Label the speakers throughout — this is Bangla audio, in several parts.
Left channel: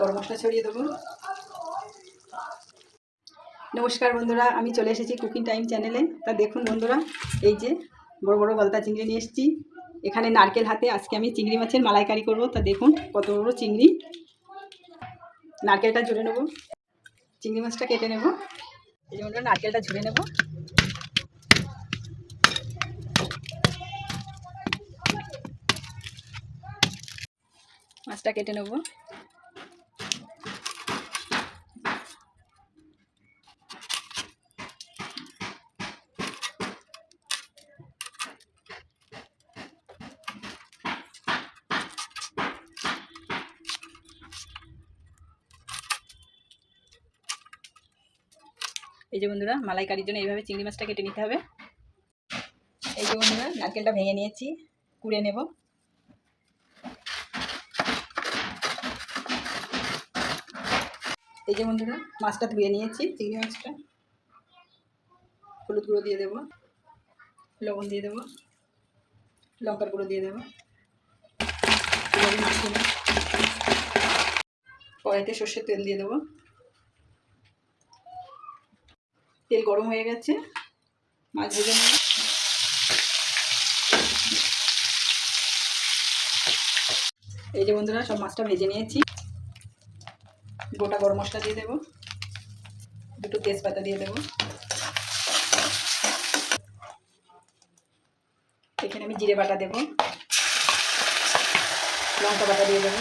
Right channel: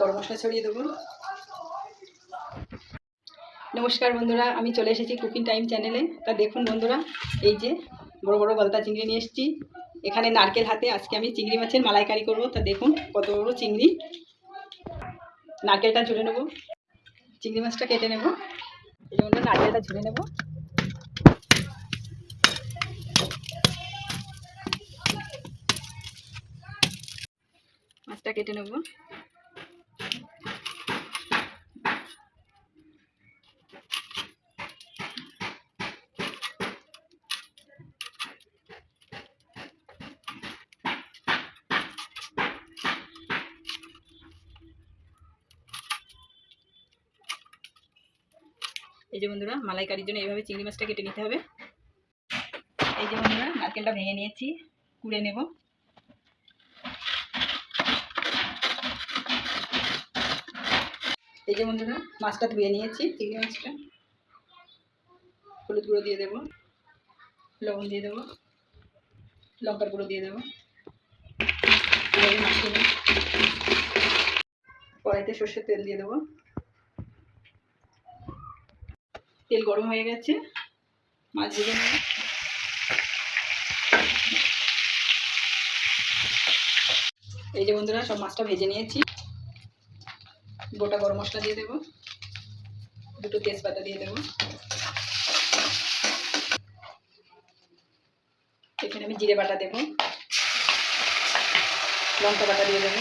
Speaker 1: গরম মশলা ছড়িয়ে দেবো। নমস্কার বন্ধুরা, আমি চলে এসেছি কুকিং টাইম চ্যানেলে। তা দেখুন বন্ধুরা, এই যে বড় বড় গলদা চিংড়ি নিয়ে এসেছি। এখানে নারকেল হাতে আজকে আমি চিংড়ি মাছের মালাইকারি করব। তা দেখুন কত বড় চিংড়ি। নারকেলটা ঝুড়ে নেব। চিংড়ি মাছটা কেটে নেব। এই জন্য নারকেলটা ঝুড়ে নেব। মাছটা কেটে নেব। এই যে বন্ধুরা, মালাইকারির জন্য এইভাবে চিংড়ি মাছটা কেটে নিতে হবে। এই যে বন্ধুরা, নারকেলটা ভেঙে নিয়েছি, কুড়ে নেব। এই যে বন্ধুরা, মাছটা ধুয়ে নিয়েছি, চিংড়ি মাছটা। হলুদ গুঁড়ো দিয়ে দেবো, লবণ দিয়ে দেবো, লঙ্কার গুঁড়ো দিয়ে দেবো। কড়াইতে সর্ষের তেল দিয়ে দেবো। তেল গরম হয়ে গেছে। মাছ ভেজে নেব। এই যে বন্ধুরা, সব মাছটা ভেজে নিয়েছি। গোটা গরম মশলা দিয়ে দেবো। দুটো তেজপাতা দিয়ে দেবো। এখানে আমি জিরে বাটা দেবো। লঙ্কা বাটা দিয়ে দেবো।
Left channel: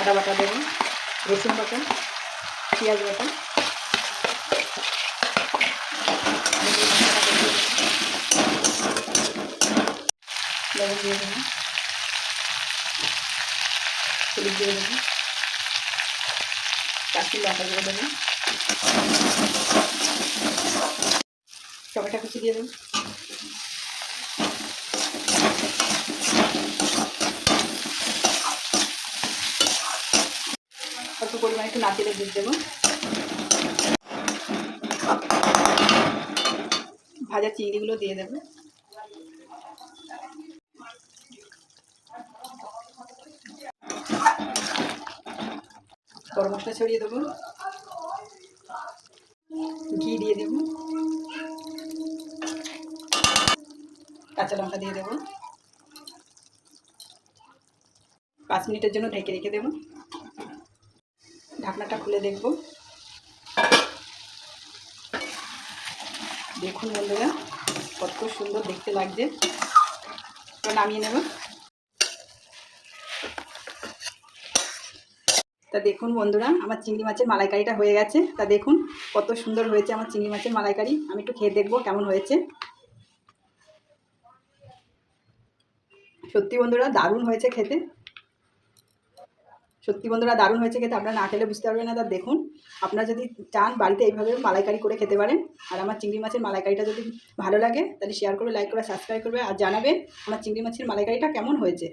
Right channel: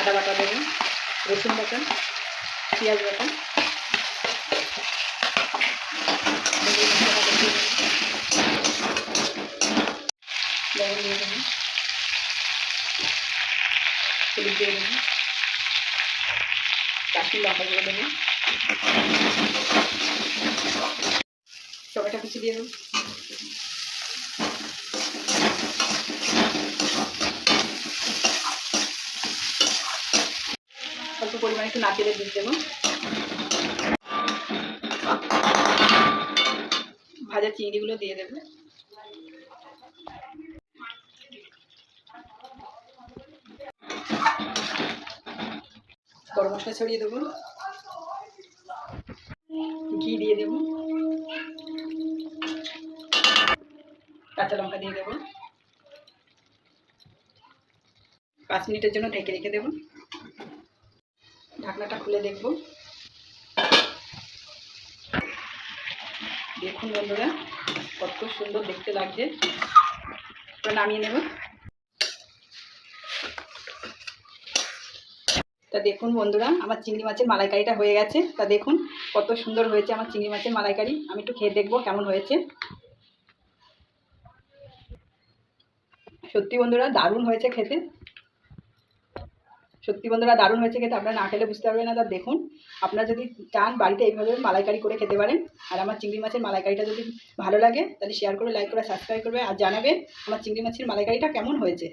Speaker 1: আদা বাটা দেবো। রসুন বাটা। পেঁয়াজ বাটা। লবণ দিয়ে দেবো হলুদ দিয়ে দেবো কাশ্মীর লঙ্কা দিয়ে দেবো টমেটো কুচি দিয়ে দেবো অল্প পরিমাণে একটু নারকেলের দুধ দেবো ভাজা চিংড়িগুলো দিয়ে দেবে। গরম মশলা ছড়িয়ে দেবো। ঘি দিয়ে দেবো। কাঁচা লঙ্কা দিয়ে দেবো। পাঁচ মিনিটের জন্য ঢেকে রেখে দেবো। ঢাকনাটা খুলে দেখব। দেখুন বন্ধুরা, কত সুন্দর দেখতে লাগছে। নামিয়ে নেব। তা দেখুন বন্ধুরা, আমার চিংড়ি মাছের মালাইকারিটা হয়ে গেছে। তা দেখুন কত সুন্দর হয়েছে আমার চিংড়ি মাছের মালাইকারি। আমি একটু খেয়ে দেখব কেমন হয়েছে। সত্যি বন্ধুরা, দারুণ হয়েছে খেতে। সত্যি বন্ধুরা, দারুণ হয়েছে খেতে। আপনারা না খেলে বুঝতে পারবেন না। তা দেখুন, আপনারা যদি চান বাড়িতে এইভাবে মালাইকারি করে খেতে পারেন, আর আমার চিংড়ি মাছের মালাইকারিটা যদি ভালো লাগে, তাহলে শেয়ার করে লাইক করে সাবস্ক্রাইব করবে, আর জানাবেন আমার চিংড়ি মাছের মালাইকারিটা কেমন হয়েছে।